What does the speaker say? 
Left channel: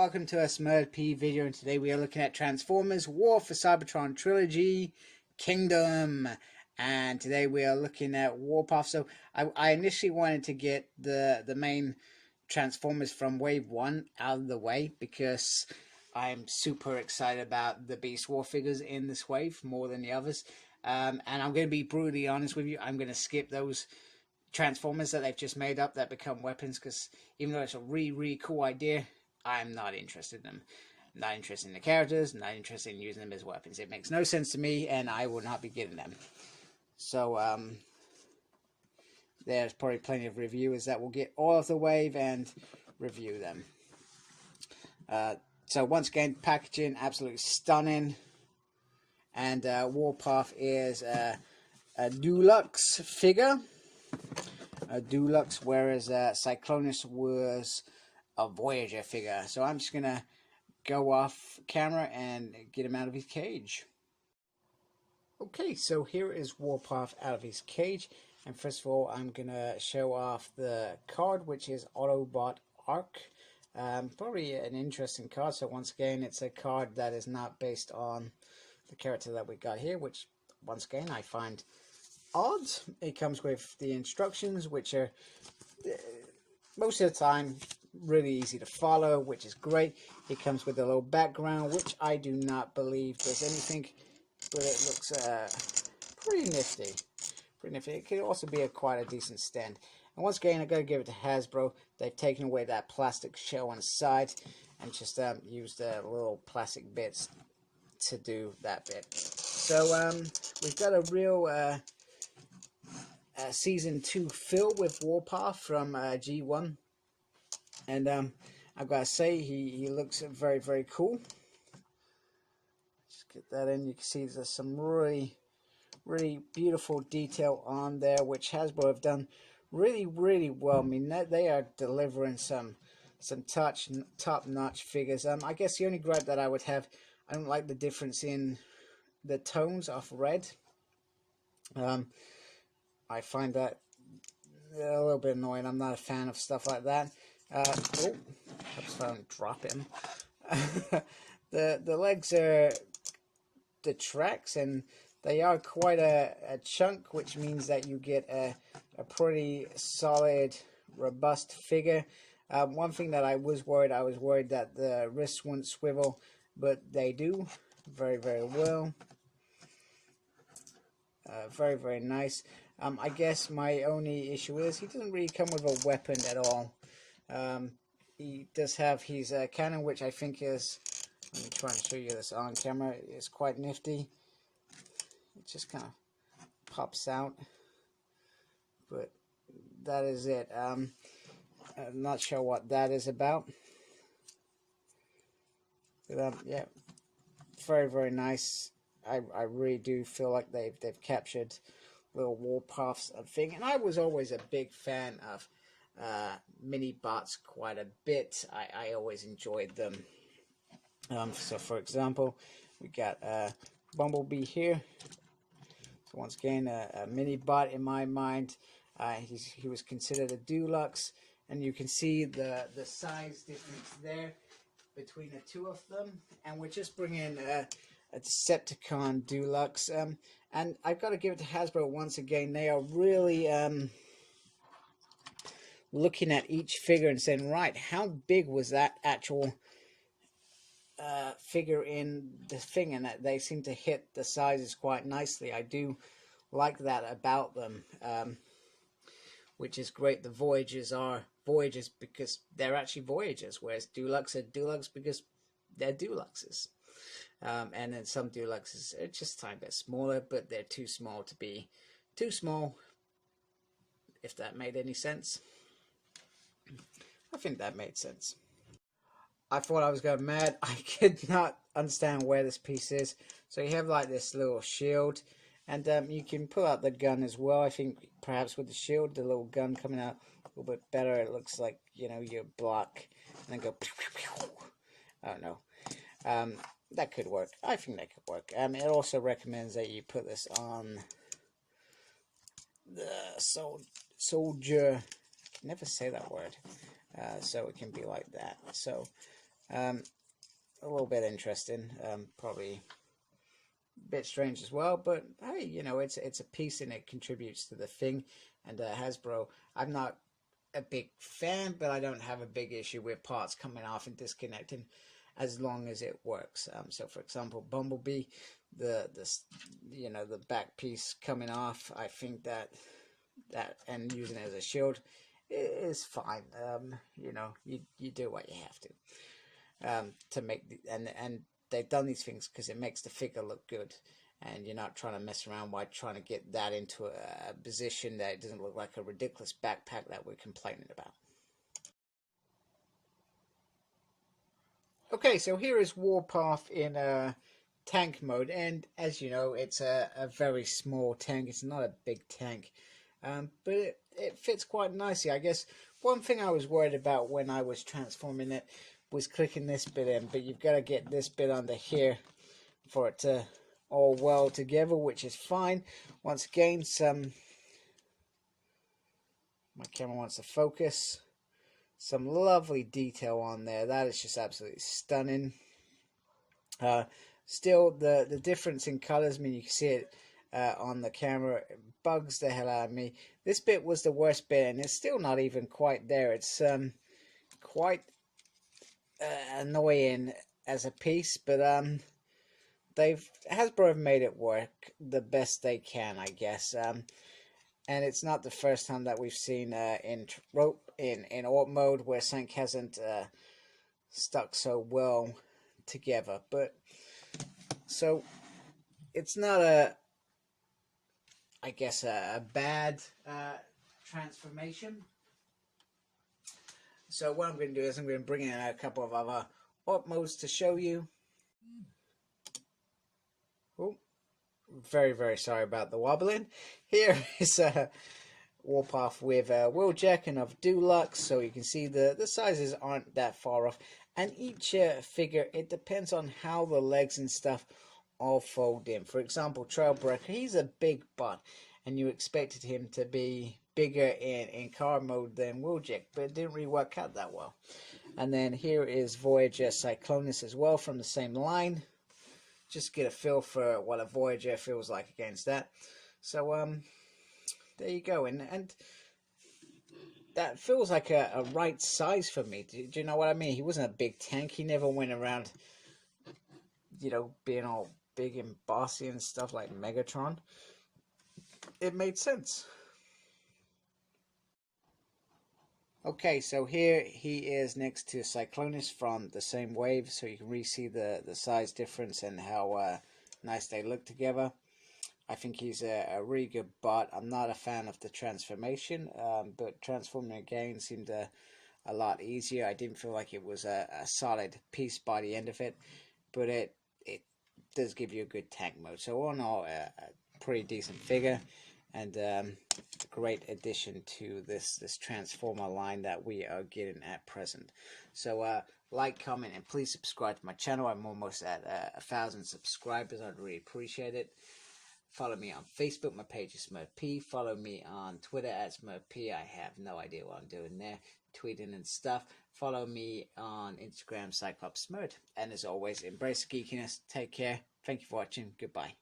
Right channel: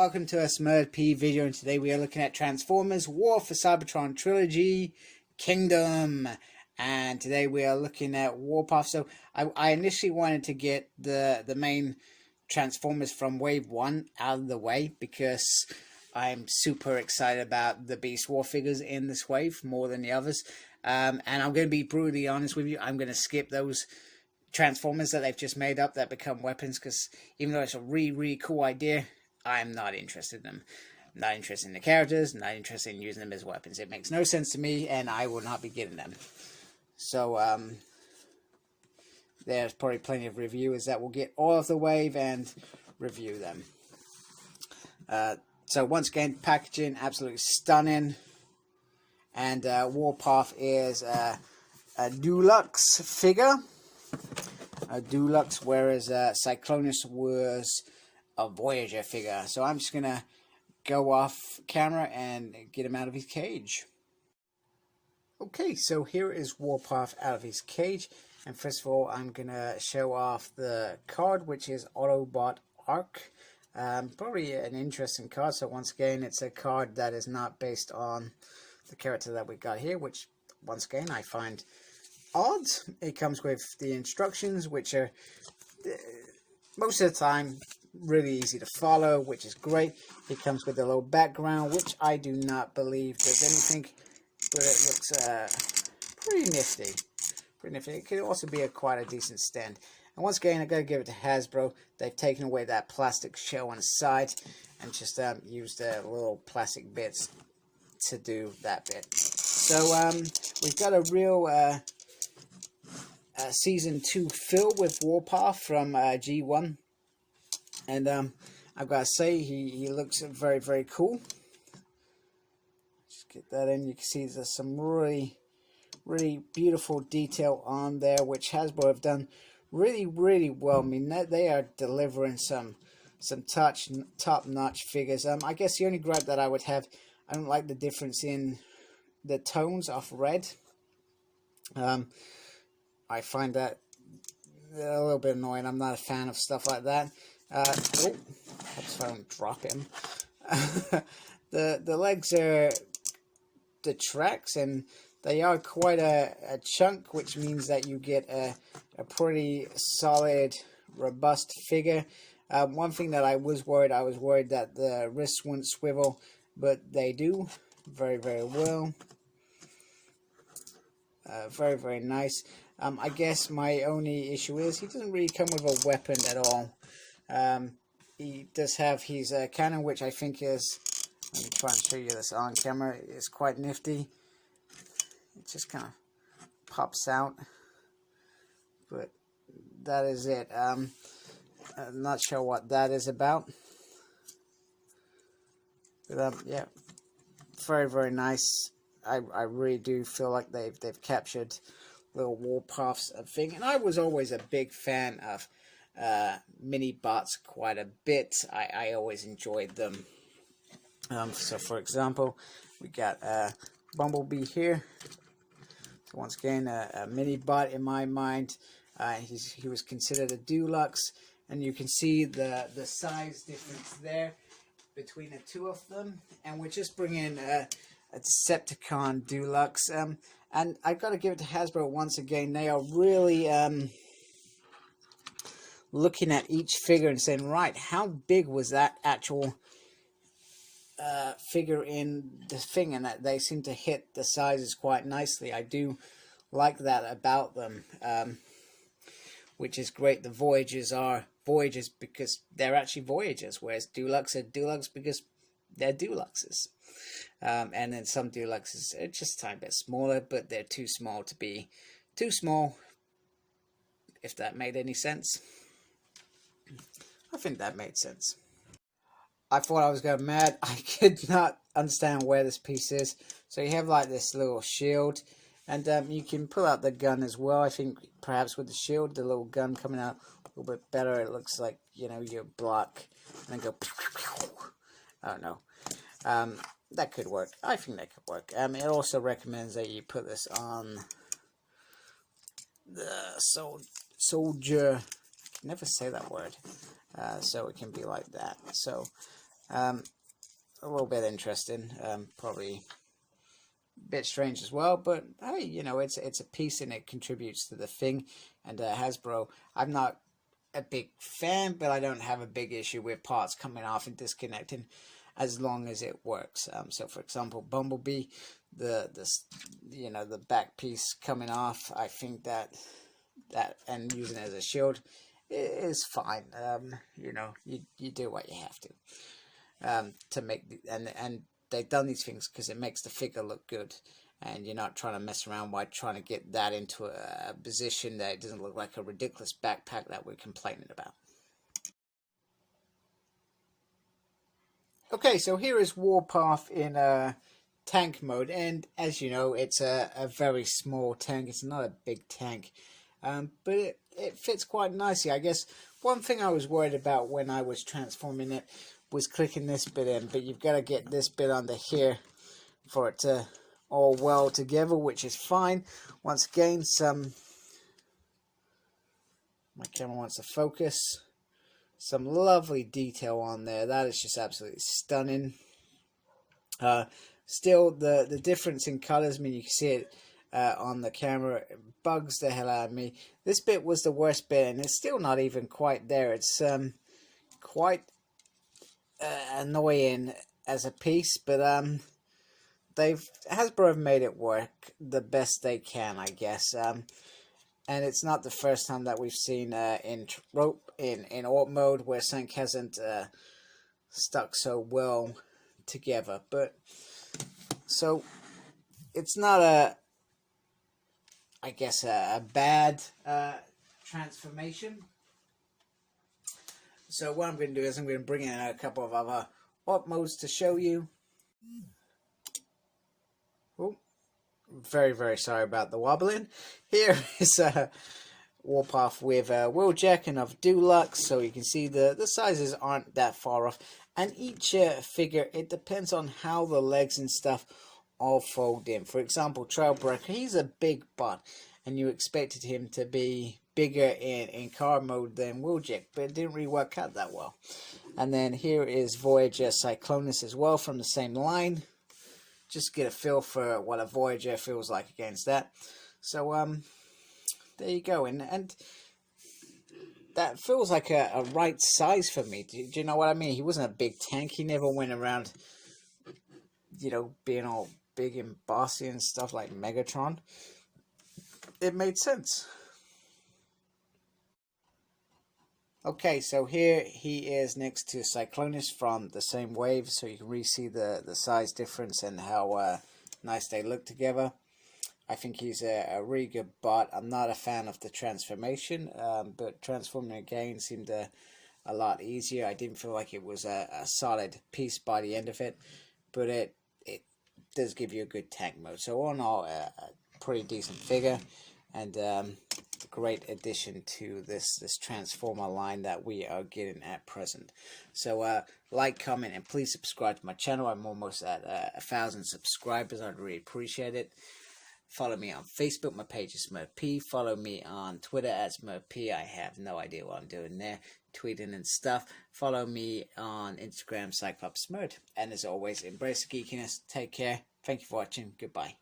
welcome to a Smurd P video, and today we are looking at Transformers War for Cybertron Trilogy Kingdom. And today we are looking at Warpath. So I initially wanted to get the main Transformers from Wave 1 out of the way, because I'm super excited about the Beast War figures in this wave more than the others. And I'm going to be brutally honest with you, I'm going to skip those Transformers that they've just made up that become weapons, because even though it's a really cool idea, I'm not interested in them. I'm not interested in the characters, not interested in using them as weapons. It makes no sense to me, and I will not be getting them. So there's probably plenty of reviewers that will get all of the wave and review them. So once again, packaging absolutely stunning, and Warpath is a deluxe figure. A deluxe, whereas Cyclonus was a Voyager figure. So I'm just gonna go off camera and get him out of his cage. Okay, so here is Warpath out of his cage, and first of all I'm gonna show off the card, which is Autobot Arc. Probably an interesting card. So once again, it's a card that is not based on the character that we got here, which once again I find odd. It comes with the instructions, which are most of the time really easy to follow, which is great. It comes with a little background, which I do not believe does anything, but it looks pretty nifty. It can also be quite a decent stand. And once again, I gotta give it to Hasbro. They've taken away that plastic shell on the side and just used little plastic bits to do that bit. So we've got a real Season 2 fill with Warpath from G1, and I've got to say he looks very cool. Just get that in. You can see there's some really beautiful detail on there, which Hasbro have done really well. I mean, they are delivering some top-notch figures. I guess the only gripe that I would have, I don't like the difference in the tones of red. I find that a little bit annoying. I'm not a fan of stuff like that. Oh, I don't drop him. The legs are the tracks, and they are quite a chunk, which means that you get a pretty solid, robust figure. One thing that I was worried that the wrists wouldn't swivel, but they do very well. Very nice. I guess my only issue is he doesn't really come with a weapon at all. He does have his cannon, which I think is, let me try and show you this on camera, is quite nifty. It just kind of pops out, but that is it. I'm not sure what that is about, but yeah, very nice. I really do feel like they've captured little Warpaths thing, and I was always a big fan of mini bots quite a bit. I always enjoyed them. So for example, we got Bumblebee here. So once again, a mini bot in my mind. He was considered a deluxe, and you can see the size difference there between the two of them. And we're just bringing a Decepticon Deluxe, and I've got to give it to Hasbro once again. They are really looking at each figure and saying, right, how big was that actual figure in the thing, and that they seem to hit the sizes quite nicely. I do like that about them, which is great. The Voyagers are Voyagers because they're actually Voyagers, whereas Deluxe are Deluxe because they're Deluxes. And then some Deluxes are just a tiny bit smaller, but they're too small to be too small, if that made any sense. I think that made sense. I thought I was going mad. I could not understand where this piece is. So you have like this little shield, and you can pull out the gun as well. I think perhaps with the shield, the little gun coming out a little bit better. It looks like, you know, you block and then go. I don't know. That could work. I think that could work. It also recommends that you put this on the soldier. I can never say that word. So it can be like that. So A little bit interesting, probably a bit strange as well, but hey, you know, it's a piece and it contributes to the thing. And Hasbro, I'm not a big fan, but I don't have a big issue with parts coming off and disconnecting as long as it works. So for example, Bumblebee, the back piece coming off, I think that and using it as a shield is fine. You know, you do what you have to make and they've done these things because it makes the figure look good, and you're not trying to mess around by trying to get that into a position that it doesn't look like a ridiculous backpack that we're complaining about. Okay, so here is Warpath in tank mode, and as you know, it's a very small tank. It's not a big tank, but it fits quite nicely. I guess one thing I was worried about when I was transforming it was clicking this bit in, but you've got to get this bit under here for it to all weld together, which is fine. Once again, my camera wants to focus. Some lovely detail on there. That is just absolutely stunning. Still, the difference in colors, I mean, you can see it on the camera. It bugs the hell out of me. This bit was the worst bit, and it's still not even quite there. It's quite annoying as a piece, but Hasbro have made it work the best they can, I guess. And it's not the first time that we've seen in Alt mode where sync hasn't stuck so well together. But so it's not I guess a bad transformation. So what I'm going to do is I'm going to bring in a couple of other Alt modes to show you. Oh, very, very sorry about the wobbling. Here is Warpath with Wheeljack and of Deluxe, so you can see the sizes aren't that far off. And each figure, it depends on how the legs and stuff all fold in. For example, Trailbreaker, he's a big butt, and you expected him to be bigger in car mode than Wheeljack, but it didn't really work out that well. And then here is Voyager Cyclonus as well from the same line. Just get a feel for what a Voyager feels like against that. So there you go, and that feels like a right size for me. Do you know what I mean? He wasn't a big tank. He never went around, you know, being all big and bossy and stuff like Megatron. It made sense. Okay, so here he is next to Cyclonus from the same wave, so you can really see the size difference and how nice they look together. I think he's a really good bot. I'm not a fan of the transformation, but transforming again seemed a lot easier. I didn't feel like it was a solid piece by the end of it, but it does give you a good tank mode. So all in all, a pretty decent figure, and great addition to this Transformer line that we are getting at present. So like, comment, and please subscribe to my channel. I'm almost at 1,000 subscribers. I'd really appreciate it. Follow me on Facebook. My page is SmurfP. Follow me on Twitter at SmurfP. I have no idea what I'm doing there, tweeting and stuff. Follow me on Instagram, Cyclops Smurd. And as always, embrace the geekiness. Take care. Thank you for watching. Goodbye.